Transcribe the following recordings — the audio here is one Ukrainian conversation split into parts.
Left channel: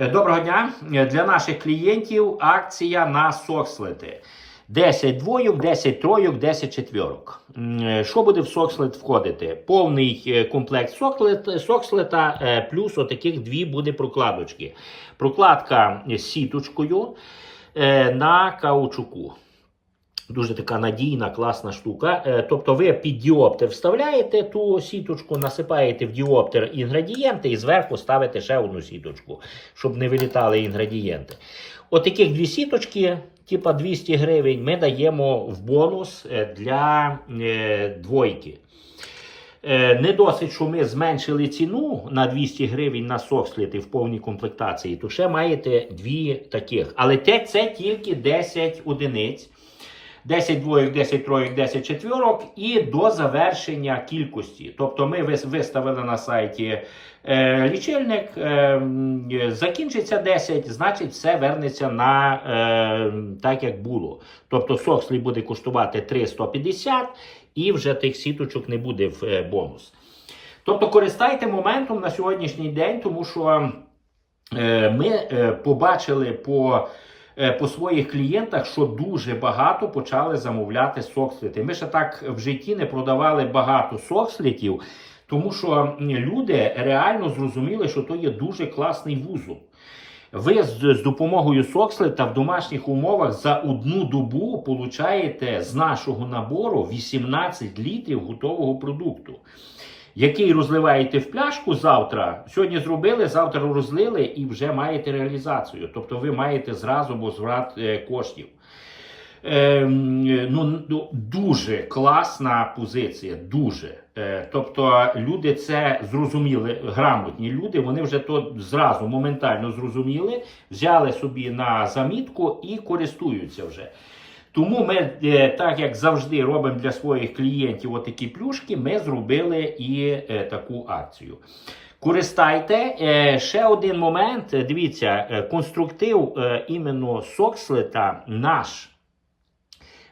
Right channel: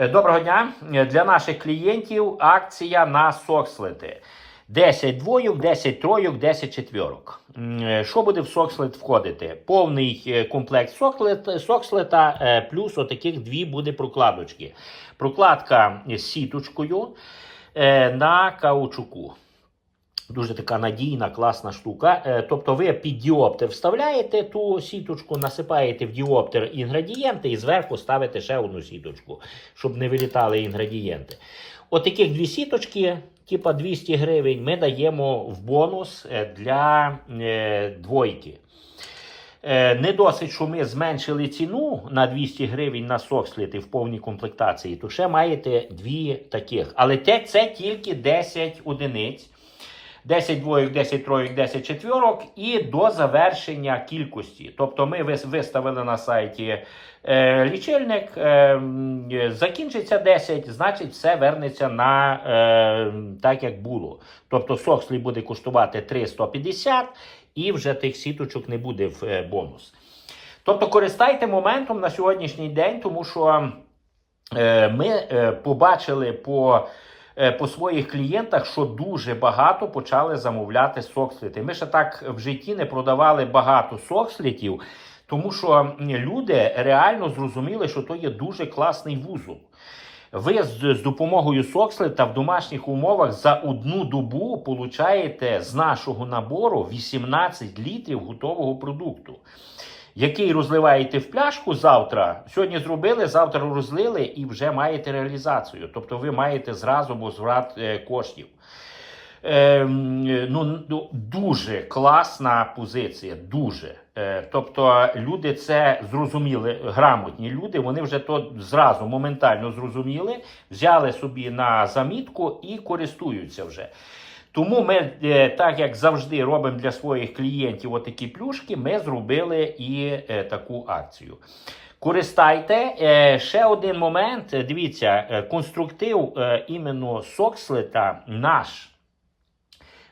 Е, Доброго дня. Е, Для наших клієнтів акція на сокслети. 10 двоюк, 10 тройок, 10 четвірок. Е, Що буде в сокслет входити? Повний комплект соклет, сокслета, плюс отаких дві буде прокладочки. Прокладка з сіточкою на каучуку. Дуже така надійна, класна штука. Е, Тобто ви під діоптер вставляєте ту сіточку, насипаєте в діоптер інгредієнти і зверху ставите ще одну сіточку, щоб не вилітали інгредієнти. Отаких дві сіточки, типа 200 гривень, ми даємо в бонус е, для е, двойки. Не досить, що ми зменшили ціну на 200 гривень на соксліти в повній комплектації, то ще маєте дві таких. Але це тільки 10 одиниць. 10 двоїк, 10 троїк, 10 четвірок і до завершення кількості. Тобто ми виставили на сайті е, лічильник, е, закінчиться 10, значить все вернеться на е, так, як було. Тобто сокслі буде коштувати 350 і вже тих сіточок не буде в е, бонус. Тобто користайте моментом на сьогоднішній день, тому що е, ми е, побачили по по своїх клієнтах, що дуже багато почали замовляти соксліти. Ми ще так в житті не продавали багато сокслітів, тому що люди реально зрозуміли, що то є дуже класний вузол. Ви з, з допомогою сокслета в домашніх умовах за одну добу получаєте з нашого набору 18 літрів готового продукту який розливаєте в пляшку завтра. Сьогодні зробили, завтра розлили і вже маєте реалізацію. Тобто ви маєте зразу возврат е, коштів. Ну, ну, дуже класна позиція. Дуже. Е, тобто люди це зрозуміли, грамотні люди, вони вже то зразу моментально зрозуміли, взяли собі на замітку і користуються вже. Тому ми, е, так як завжди, робимо для своїх клієнтів отакі плюшки, ми зробили і е, таку акцію. Користайте. Е, ще один момент. Дивіться, конструктив іменно Сокслета наш.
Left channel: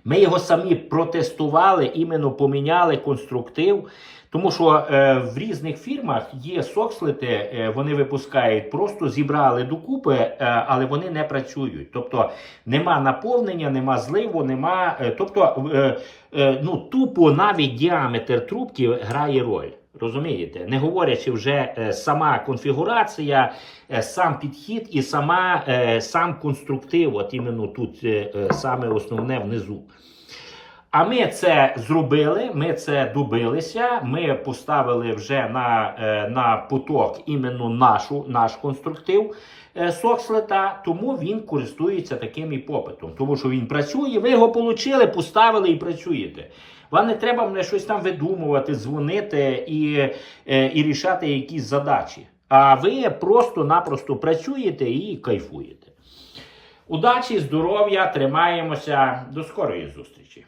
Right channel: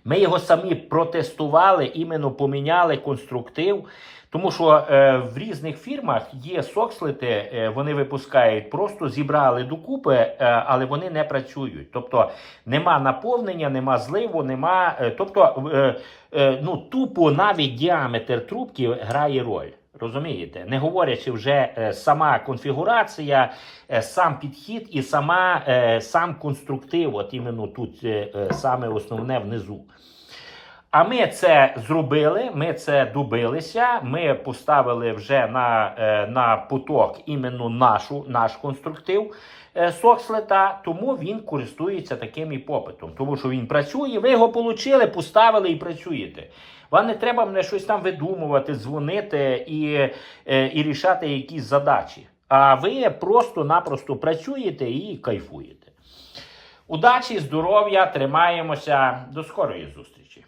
Ми його самі протестували, іменно поміняли конструктив. Тому що е, в різних фірмах є сокслити, е, вони випускають, просто зібрали докупи, е, але вони не працюють. Тобто нема наповнення, нема зливу, нема. Е, тобто, е, е, ну тупо навіть діаметр трубки грає роль. Розумієте, не говорячи вже е, сама конфігурація, е, сам підхід і сама е, сам конструктив, от іменно тут е, е, саме основне внизу. А ми це зробили, ми це добилися. Ми поставили вже на, е, на поток іменно нашу, наш конструктив е, Сокслета, тому він користується таким і попитом. Тому що він працює, ви його отримали, поставили і працюєте. Вам не треба мене щось там видумувати, дзвонити і, е, і рішати якісь задачі. А ви просто-напросто працюєте і кайфуєте. Удачі, здоров'я, тримаємося. До скорої зустрічі!